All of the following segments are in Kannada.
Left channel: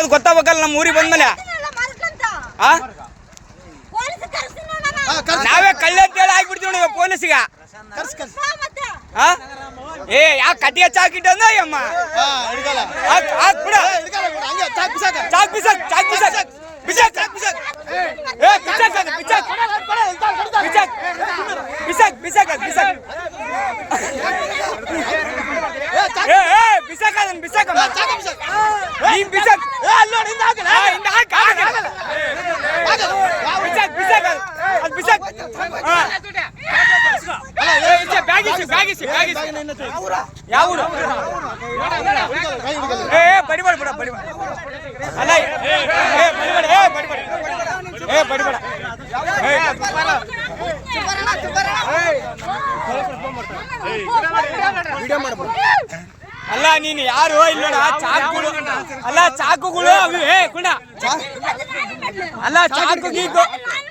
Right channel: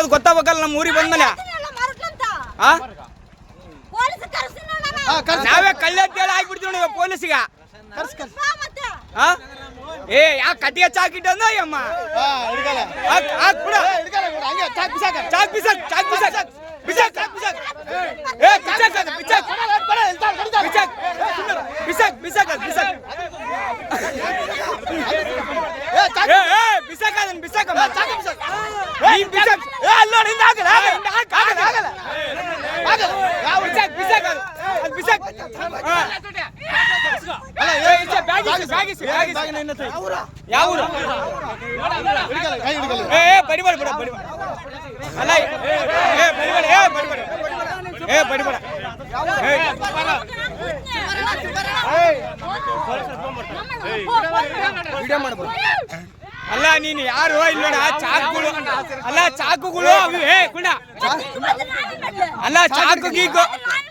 ಮತ್ತೆ ಗೊತ್ತಾಗಬೇಕಲ್ಲ ನಮ್ಮ ಊರಿಗೆ ಬಂದ್ಮೇಲೆ. ನಾವೇ ಕಳ್ಳೆ ಅಂತೇಳಿ ಆಗ್ಬಿಡ್ತೀವಿ ನೋಡಿ ಪೊಲೀಸಿಗ. ಏ ಯಾವ ಕಟ್ಟಿಗೆ ಚಾಕಿಟ್ಟಂದ ಅಮ್ಮ ಅಲ್ಲ ನೀನು ಯಾರು ಇಲ್ಲ ಚಾಕುಗಳು ಅಲ್ಲ ಚಾಕುಗಳು ಅಲ್ಲ ಚಾಕು ಗೀಕು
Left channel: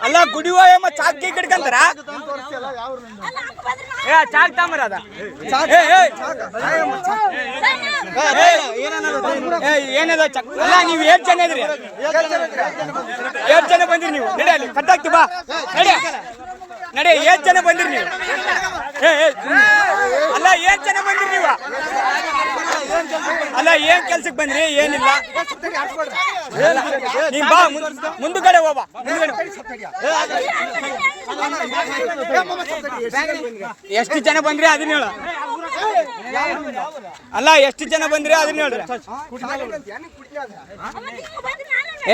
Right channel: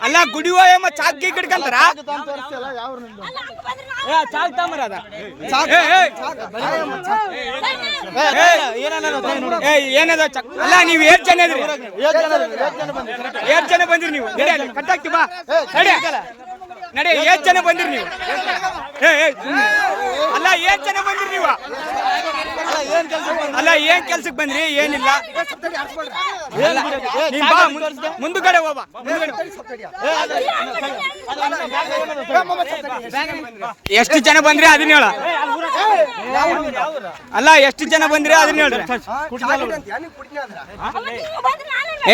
ಅಲ್ಲ ಗುಡಿವ ಚಾಕ್ ಗೀಕ್ ಹಿಡ್ಕಂತಾರ ಚಾಕ್ ತಾಮರ ಅದ ಏನದ ಅಲ್ಲ ನೀವು 8 ಜನ ಇದ್ರಿ 8 ಜನ ಬಂದ್ರಿ ನೀವು ನಡಿ ಅಲ್ಲಿ ಕಟ್ಟಾಕ್ತಿ ಬಾ ನಡಿ 8 ಜನ ಬಂದ್ರಿ ನೀವು ಅಲ್ಲ 8 ಜನ ಬಂದ್ರಿ ನೀವು ಅಲ್ಲ ಏನ್ ಕೆಲ್ಸಕ್ಕೆ ಬಂದ್ರಿ ಏನಿಲ್ಲ ನೀನ್ ಬಾ ಮುಂದುಗಡೆ ಹೋಗ್ಬಾ ಎಷ್ಟು ಜನ ಬಂದ್ರಿ ಅದನ್ನ ಹೇಳ ಅಲ್ಲ ಎಷ್ಟು ಜನ ಬಂದ್ರಿ ಅದನ್ನ ಹೇಳ್ರಿ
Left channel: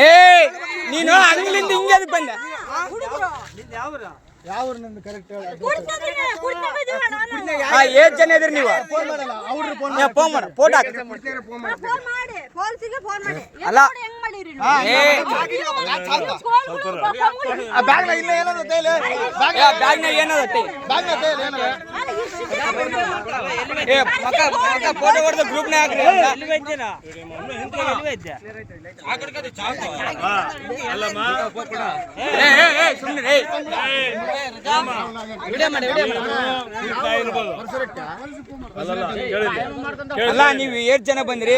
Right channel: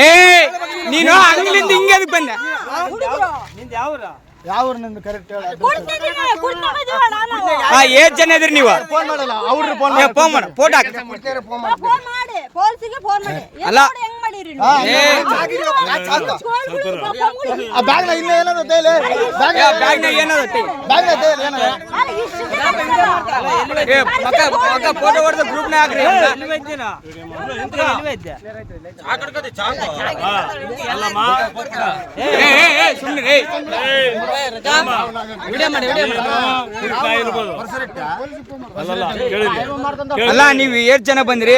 ಏ ನೀನು ಅಂಗಲಿಂದ ಹಿಂಗೆ ಅದಕ್ಕೆ ಬಂದೆ ಏಟ್ ಜನ ಇದ್ರಿ ನೀವು ಫೋನ್ ಮಾಡಿ ಫೋಟೋ ಹಾಕಿ ಅಲ್ಲ ಬ್ಯಾಗ್ನಾಗ ಏನದ ಫೋಟೋ ಹೊಡೆದ ಗ್ರೂಪ್ನಾಗ ಹಾಕ್ರಿ ಸುಮ್ಮನೆ ಅಲ್ಲ ನೀವು 8 ಜನ ಬಂದ್ರಿ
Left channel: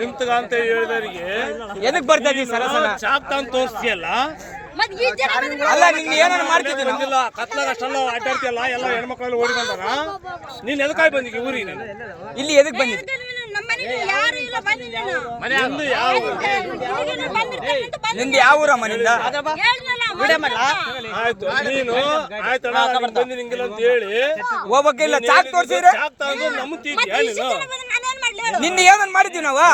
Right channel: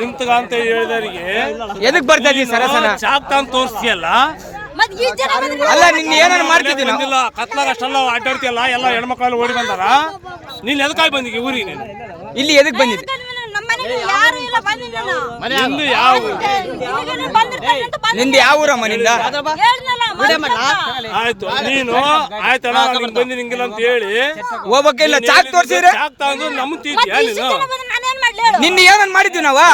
ನಿಂತಗ ಅಂತ ಹೇಳಿದವರಿಗೆ ಎದಕ್ ಬರ್ತಾ ಇದೀವಿ ಸರ ಚಾಕ್ ಅಂತ ತೋರಿಸ್ತೀಯಲ್ಲ ಅಲ್ಲ ನಿನ್ನ ಏನಾರು ಮಾಡ್ತಿದ್ದೀನಿ ಕತ್ಲಾಗ ಅಷ್ಟೆಲ್ಲ ಅಡ್ಡಾಡ್ತಿಯಲ್ಲ ಎಲ್ಲ ಹೆಣ್ಮಕ್ಳು ಓಡಿ ಬಂದಾರ ನೀನ್ ಎದಕ್ಕಾಗಿ ಬಂದಿಗೆ ಊರಿಗೆ ನೀನು ಇಲ್ಲಿ ಎದಕ್ ಬಂದಿದ್ದೆ ನಿಂದ ಯಾವ ಊರಮ್ಮ ನಿಂದ ಆಯ್ತು ನೀನು ಆಯ್ತಣ್ಣ ಬಂದಿ ನಿಂಗಿಲ್ಲ ಅಂತ ಹೇಳಿ ಹೋಗ್ಬೇಕಿಲ್ಲ ಚಾಕ್ ತೋರ್ಸಿದ್ರೆ ಚಾಕ್ ತಗೊಂಡು ನಂಬ್ತಿದ್ಯಾ ನೀನು ನಿನ್ನ ಏನನ್ ಮಾಡಿದ್ವಿ ನಾವು